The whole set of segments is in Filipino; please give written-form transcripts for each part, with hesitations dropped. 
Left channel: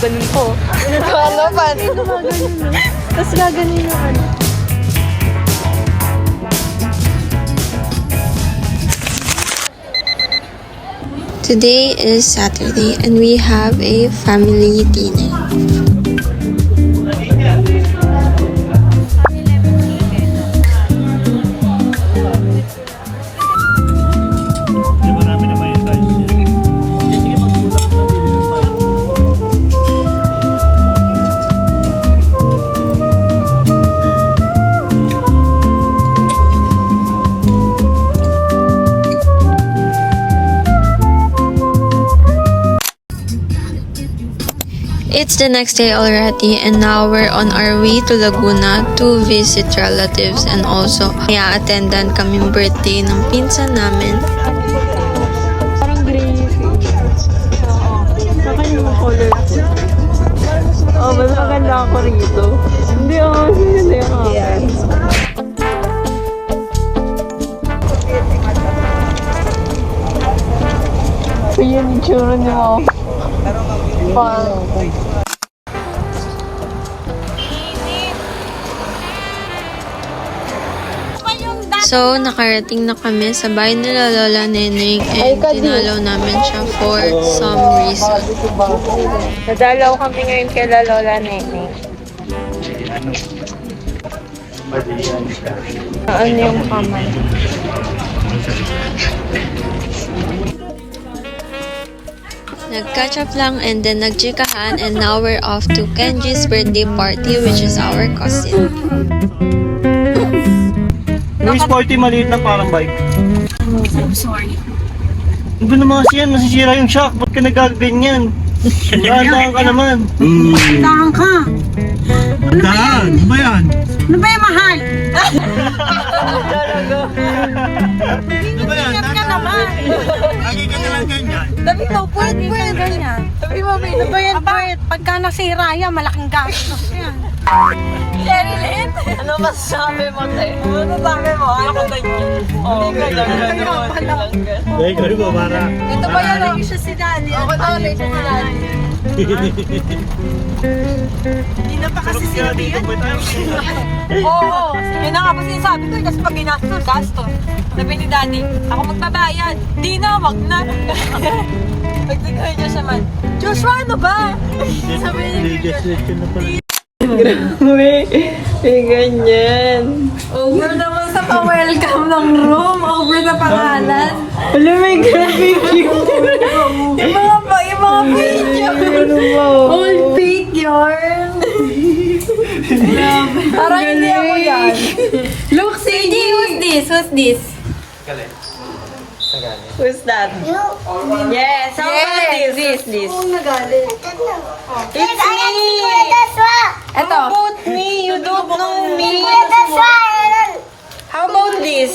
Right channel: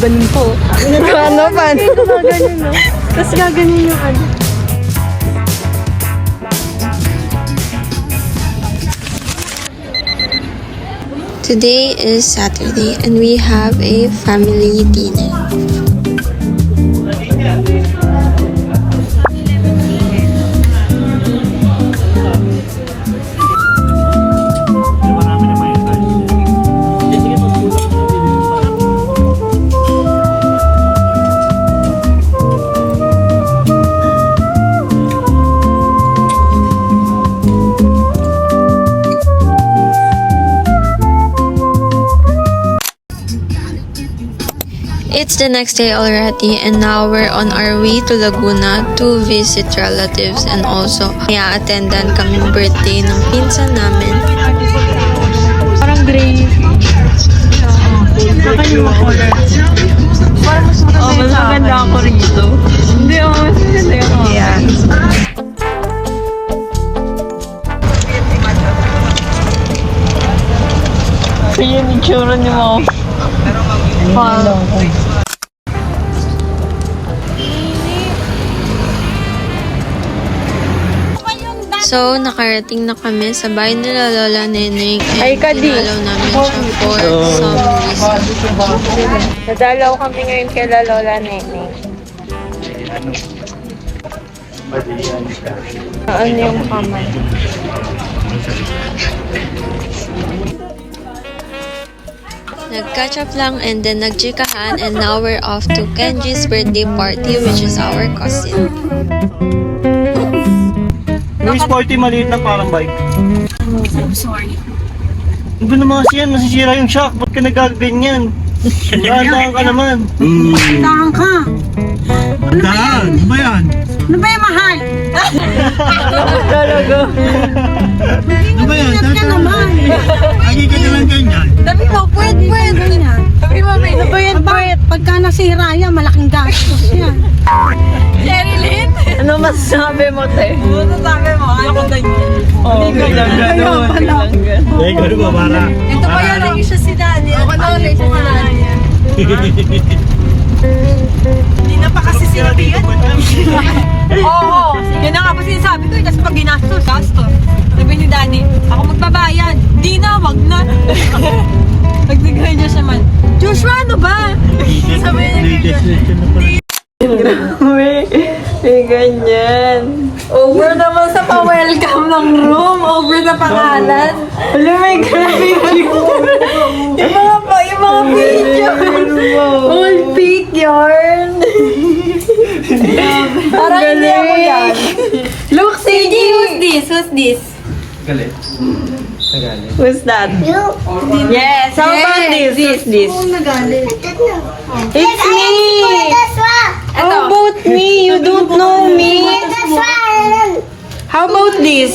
gaganin ko. Ano pa? Tapos gaganin yung ano. Today is Saturday and we have a family dinner. It's the next day already and now we're on our way to Laguna to visit relatives and also attendan kaming birthday ng pinsan namin. Parang gray. Saka yung mga color. Oh, mas maganda ako rito. Hindi, mas maganda yung ako. Yeah. Kaya yung itsura niyo mo. Wow. So, nakarating na kami sa bahay nila Lola Neneng and dinalaw namin siya for some reason. Nadalaw kami ngayon kay Lola Neneng. Ano yung kamay? Nag-catch up lang and then nagchikahan and now we're off to Kenji's birthday party which is our cousin. Yung sporty maliit lang parang bike. I'm sorry. Iba naman kasi yan, nasisira yung shock. Ba't ka nagaganyan? Dahan-dahan ka naman. Dahan ka. Dahan? Ano ba yan? Ano ba yung mahal? Talaga. Ano ba yan? Ingat ka naman. Hindi ka naman ganyan. Sabi ko, pwede ganyan. Sabi mo, ano ba yan? Aba, pagka nasira yan, malaking gastos yan. Sherilyn? Ano masasabi mo, te? Ano sabi mo? Ayaw na yun. Oh, bilang gano'n. Bilang gano'n. Hindi ka naman para. Ito ba yung naging siya si Dani? Ako na ulit si Dani. Hindi na pa kasi sinabi yan. Oo. Yan ang ako sinasabi ko. Kasi pag ginastos, gastos. Sabi ni Dani, ako magbabayad. Hindi na, wag na. Nagbigay niya siya man. Joshua, ano ba? Sabi niya, Grabe. May ganyan. Over naman sa pa-welcome ng room. Over sa pangalan. May ganyan. Yung mga picture. Old picture. Parang hindi ako yan. Look, Sigi. Who's this? Who's that? Yes, how about this? Who's this? It's me! How about me? You don't know me? How about this?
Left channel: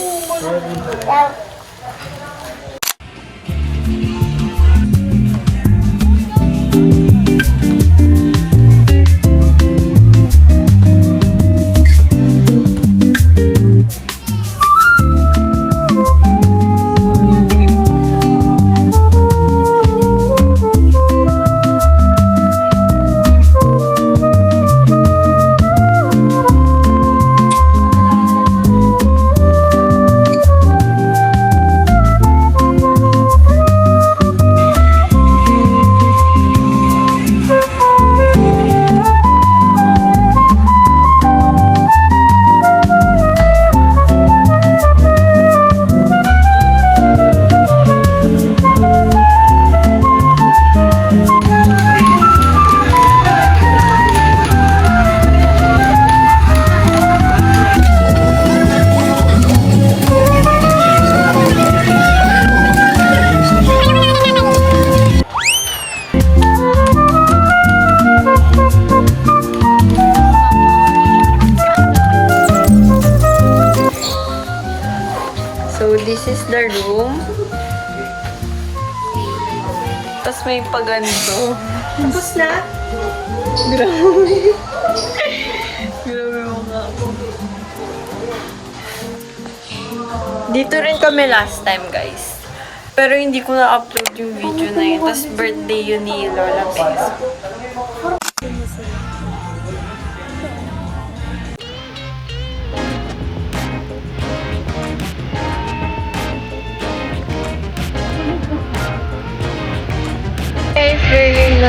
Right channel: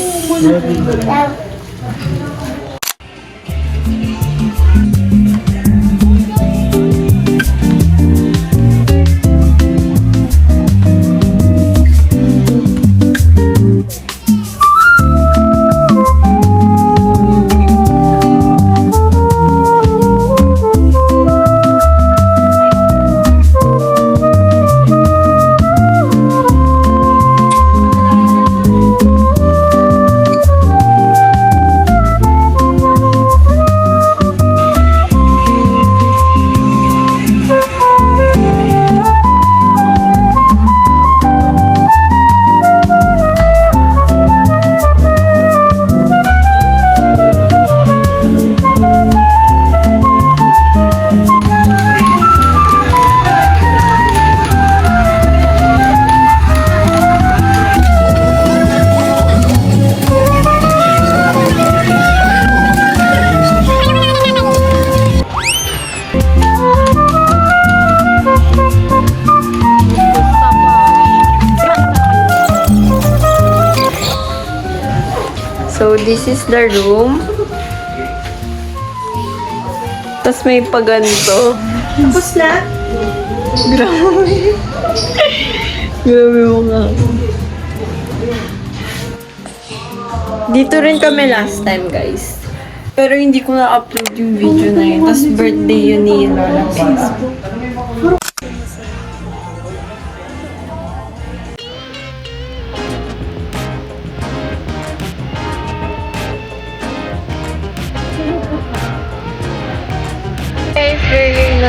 Tapos may paganto. Tapos na? Grabe mo nga. Dito rin kami last time, guys. Pero hindi ko na-upload yung video na yun. Tapos birthday yun ni Lola Benz.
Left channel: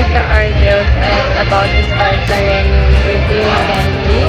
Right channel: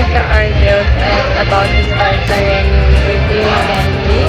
nagka-argued and about to start na rin yung birthday ni Candy.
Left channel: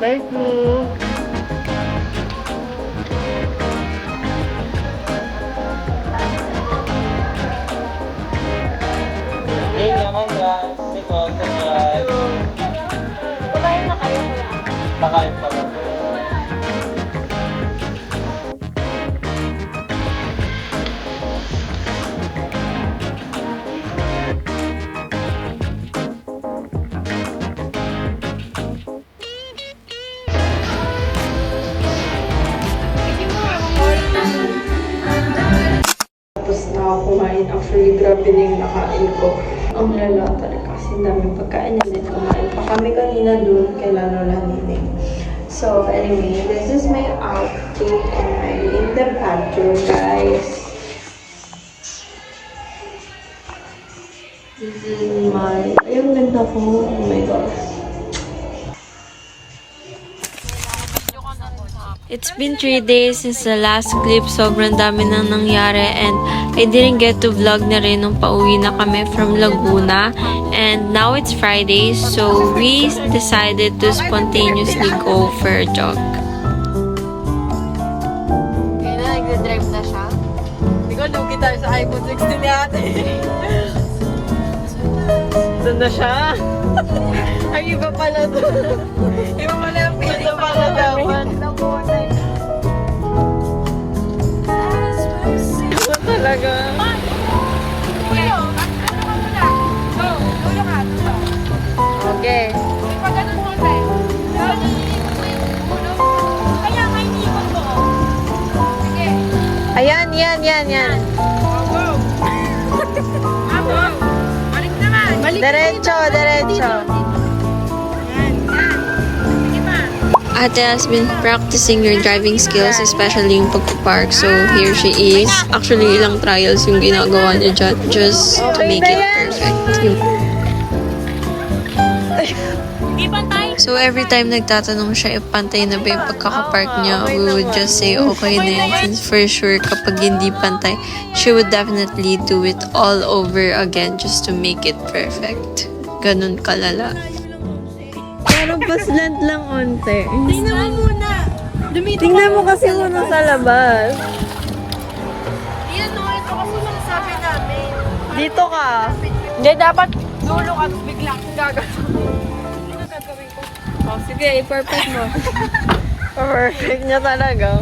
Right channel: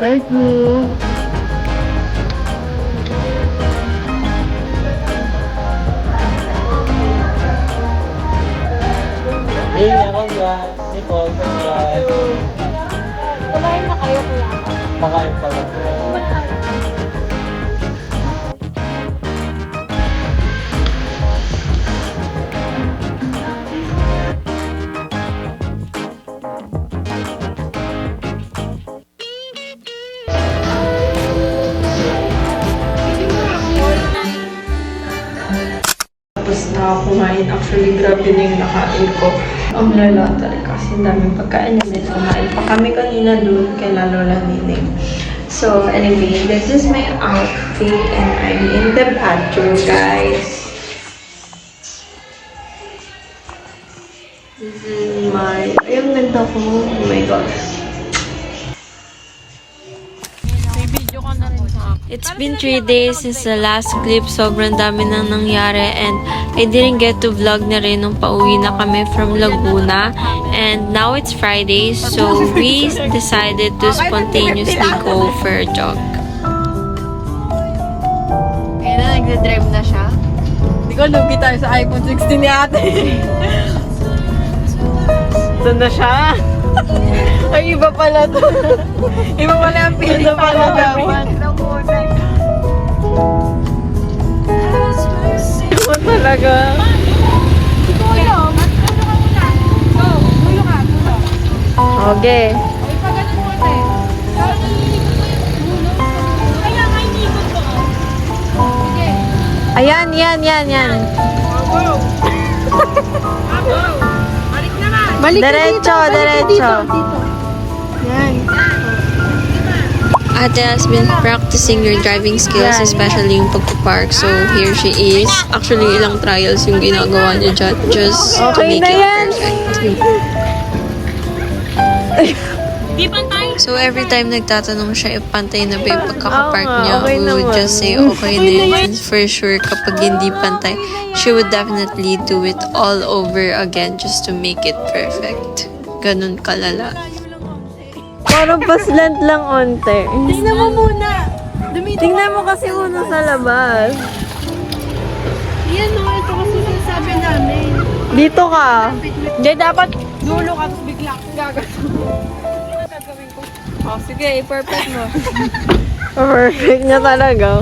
Thank you. Ayun na, congrats. Nicole, congrats. Nakain pa rin. Tapos na ako kumain. Actually, grabe na yung nakain ko. Ang lala talaga kasi daming pagkain na din. Kumain pa kami kanina doon kay Lola Nining. So, anyway, this is my outfit and I'm in the bathroom, guys. This is my... Ayun, ganda ko. Oh my gosh. It's been 3 days since the last clip. Sobrang dami nang nangyari and I didn't get to vlog na rin nung pauwi na kami from Laguna. And now it's Friday, so we decided to spontaneously go for a jog. Ngayon na, nagdadrive na siya. Hindi ko lugi tayo sa iPhone 16 ni ate. Saan na siya? Ay, iba pala to. Iba pala ang feeling pala dapat. Iba talaga. Okay. Ayan, yan. Diretso. Ate has been practicing your driving skills, especially yung pagpapark. So, here she is. Actually, ilang trials yung ginagawa niya dyan just to make it perfect. So, every time nagtatanong siya if pantay na ba yung pagkakapark niya, we would just say okay na yun. Since for sure, kapag hindi pantay, she would definitely do it all over again just to make it perfect. Ganun kalala. Parang paslant lang onte. Tingnan mo muna. Tingnan mo kasi muna sa labas. Yan o, ito kasi sinasabi namin. Dito ka. Hindi, dapat dulo ka bigla gagaso. Oh, sige, perfect mo. Perfect niya talaga.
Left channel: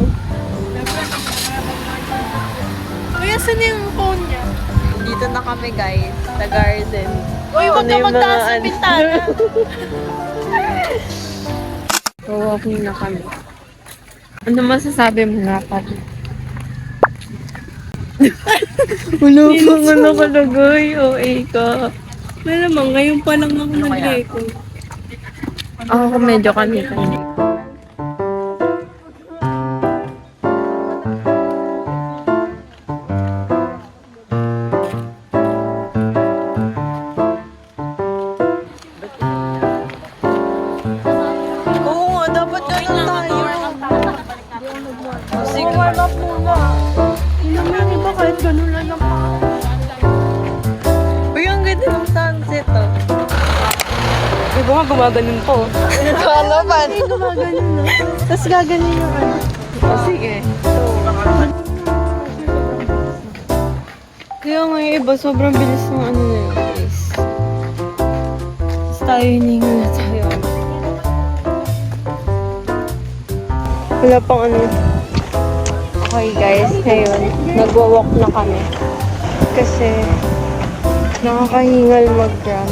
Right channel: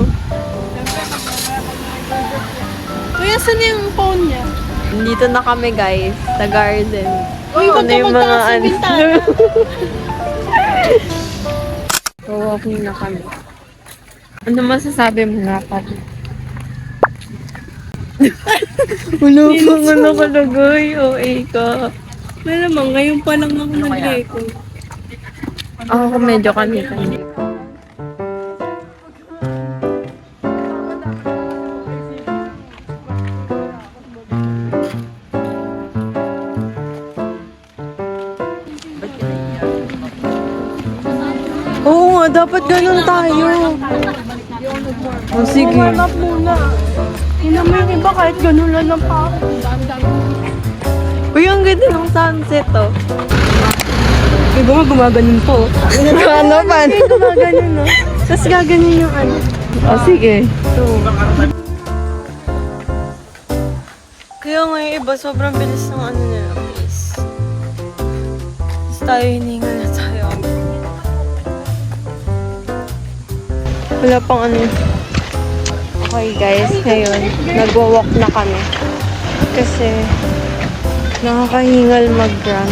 Kuya, saan yung phone niya? Dito na kami guys, sa garden. Uy, wag ka magtaas sa bintana. So, walking na kami. Ano masasabi mo nga pa? Wala pang nakalagay. OA ka. Malamang, ngayon pa lang ako nag-record. Ako medyo kanita. Oo nga, dapat ganun tayo. O sige. Naman iba kahit ganun lang ng pa. Uy, ang ganda ng sunset oh. Iba nga gumaganin to. Ano pa? Gumaganin no? Tapos gaganin yung ano. Sige. Kaya nga yung iba, sobrang bilis ng ano nila, guys. Tapos tayo hiningal na tayo. Wala pang ano. Okay guys, ngayon, nagwa-walk na kami. Kasi, nakakahingal mag-run.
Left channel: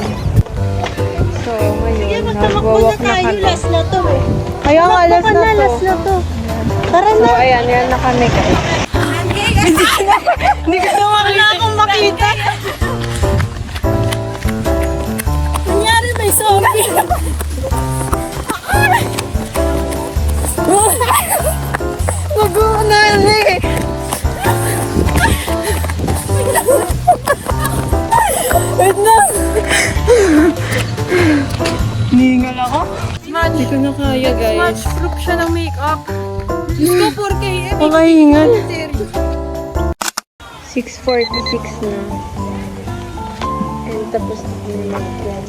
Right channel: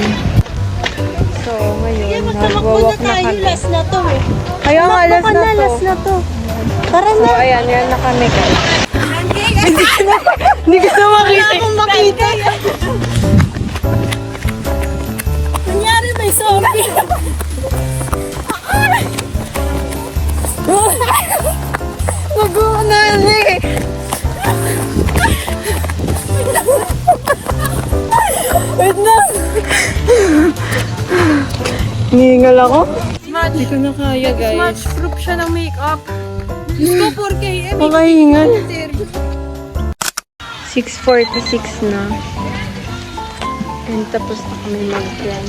So, ngayon, nagwa-walk na kami. Last na to. Kaya nga, last na to. Last na to. Tara na. So, ayan, yan na kami guys. Hindi ko na wala akong makita. Nangyari may zombie. Nag-uunali. Wait na. Ningal ako. Hindi ko na kaya guys. Match proof siya ng makeup. Diyos ko, 4K. Makahingal. 6:46 na. And tapos na kami mag-plan.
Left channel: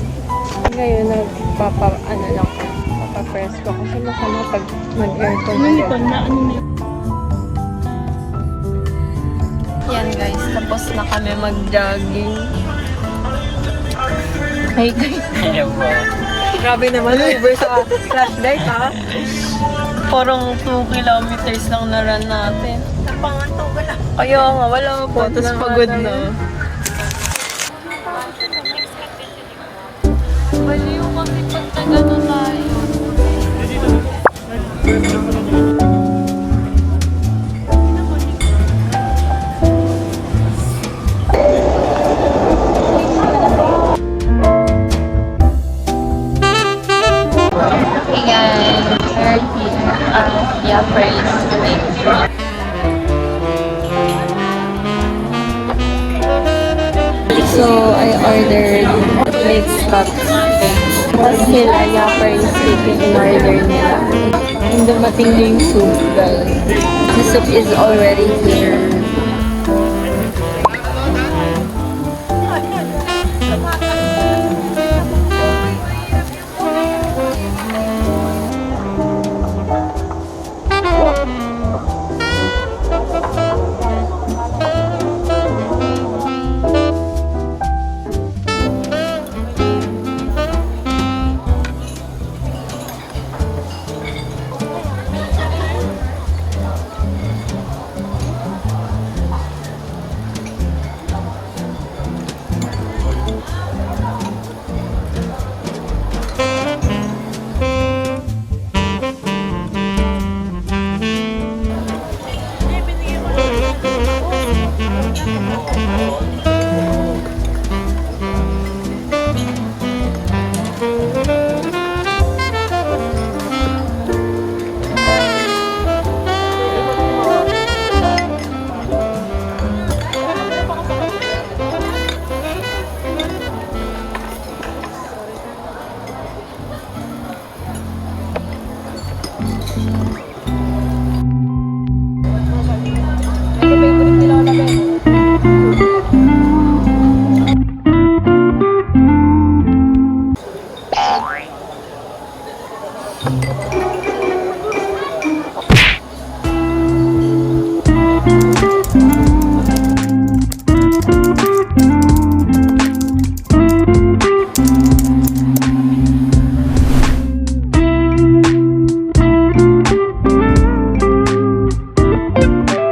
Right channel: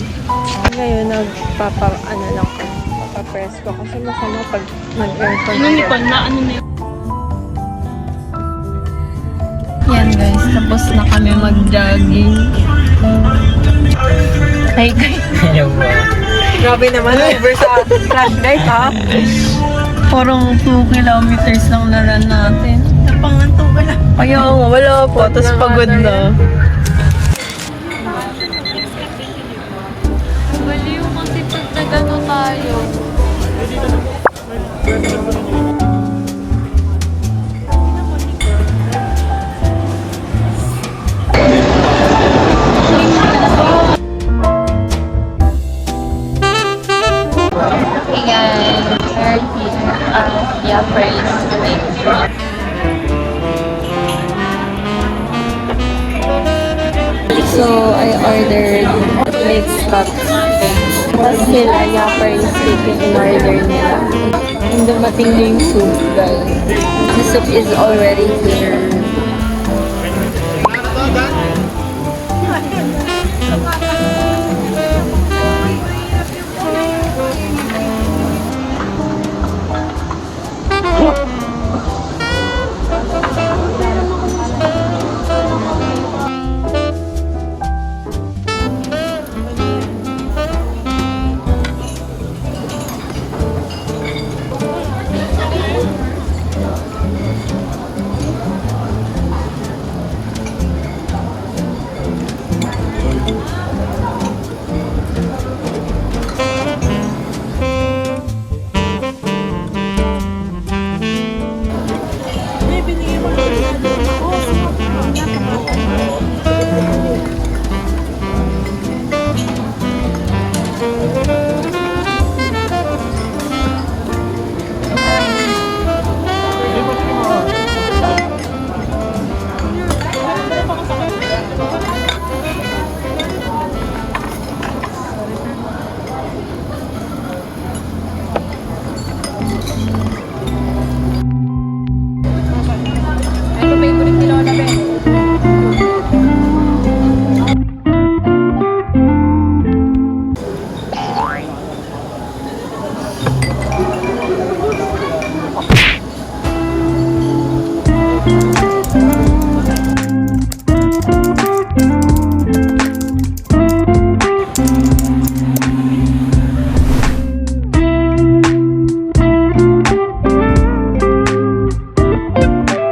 Ngayon, nagpapa-ano lang ko. Papa-press ko kasi masama pag mag-aircon. Yan guys, tapos na kami mag-jogging. Hey guys. Grabe naman. Ever sa flash guys, ha? Parang 2 kilometers lang na run natin. Napangantong ka na. Ayaw nga, wala pa. Tapos pagod na. Pwede yung kasi pag nagano tayo. Hey guys, we're here at Yapra's Lake. So, I ordered lake cuts. Tapos sila, Yapra's Lake yung order nila. And dumating na yung soup, guys. The soup is already here.